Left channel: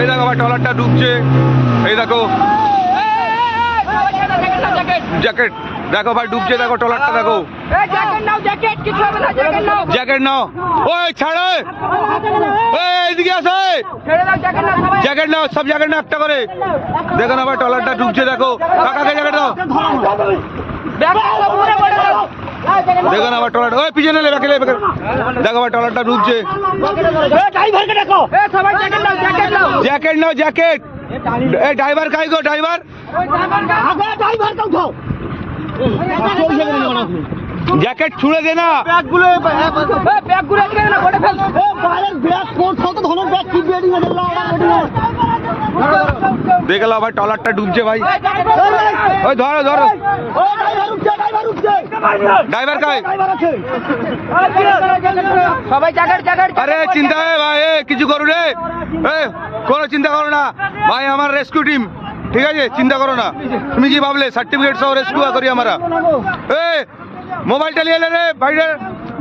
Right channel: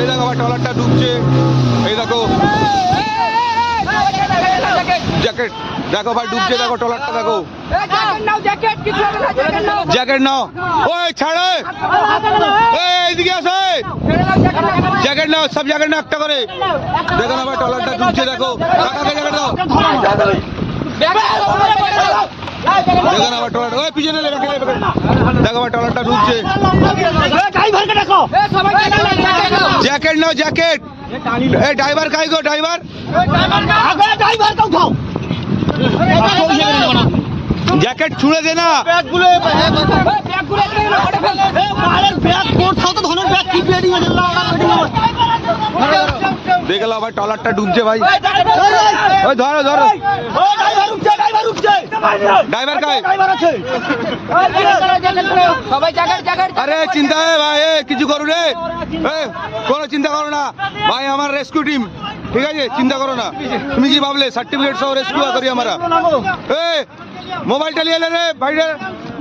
এই দেখো ভাই ট্রলারটা ডুবছে, এই দেখো জ্যাকেট, দেখো ভাই ডুবছে, দেখো ট্রলারটা দেখো, জ্যাকেট নাও, ওই ছাড়ে, এইদিকে আসে, জ্যাকেট নাও, সব জ্যাকেট নাও একটা করে, দেখো না ভাই ট্রলারটা ডুবছে, দেখো কাকাকে জ্যাকেট দাও, দেখো না ভাই ট্রলার, ওই পিছনে দেখো ভাই ট্রলারটা ডুবছে, জ্যাকেট নাও জ্যাকেট, এই ড্রাইভার কাই গো ড্রাইভার, জ্যাকেট ছুঁড়ে দে না, দেখে লাও ভাই ট্রলারটা ডুবছে ভাই, ওই ধরো ধরো, ড্রাইভার কাই, আরে চিন্তা হয় ভাই, কিছু করো রে, কোনো চিন্তা করো না ভাই, আমার রেস্কিউ টিম, ঠিক আছে চিন্তা করো না, তুমি কি ভাবলে সার্টিফিকেট সহ রেস্কিউ করি আমরা, মোবাইলটা নিয়ে এলে রে ভাই,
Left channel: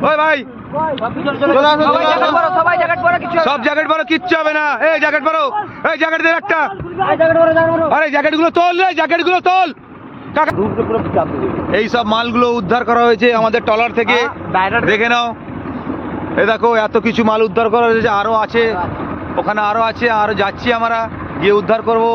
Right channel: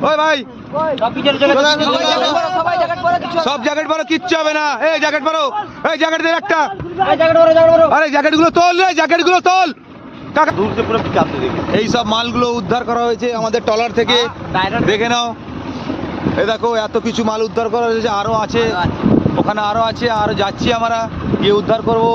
ওই ভাই সব জ্যাকেট পরো, কিচ্ছু হবে না, এই জ্যাকেট পরো, এই জ্যাকেট দে একটা, আরে জ্যাকেট গুলো তোল রে, জ্যাকেট গুলো তোল, এই সব মালগুলো উদ্ধার করা হয়েছে আমাদের ট্রলার থেকে, দেখে নাও, এই দেখো এত কিছু মাল উদ্ধার করা হয়েছে, আরো আছে ওখানে, আরো আছে, আরো যাচ্ছি আমরা গিয়ে উদ্ধার করবো।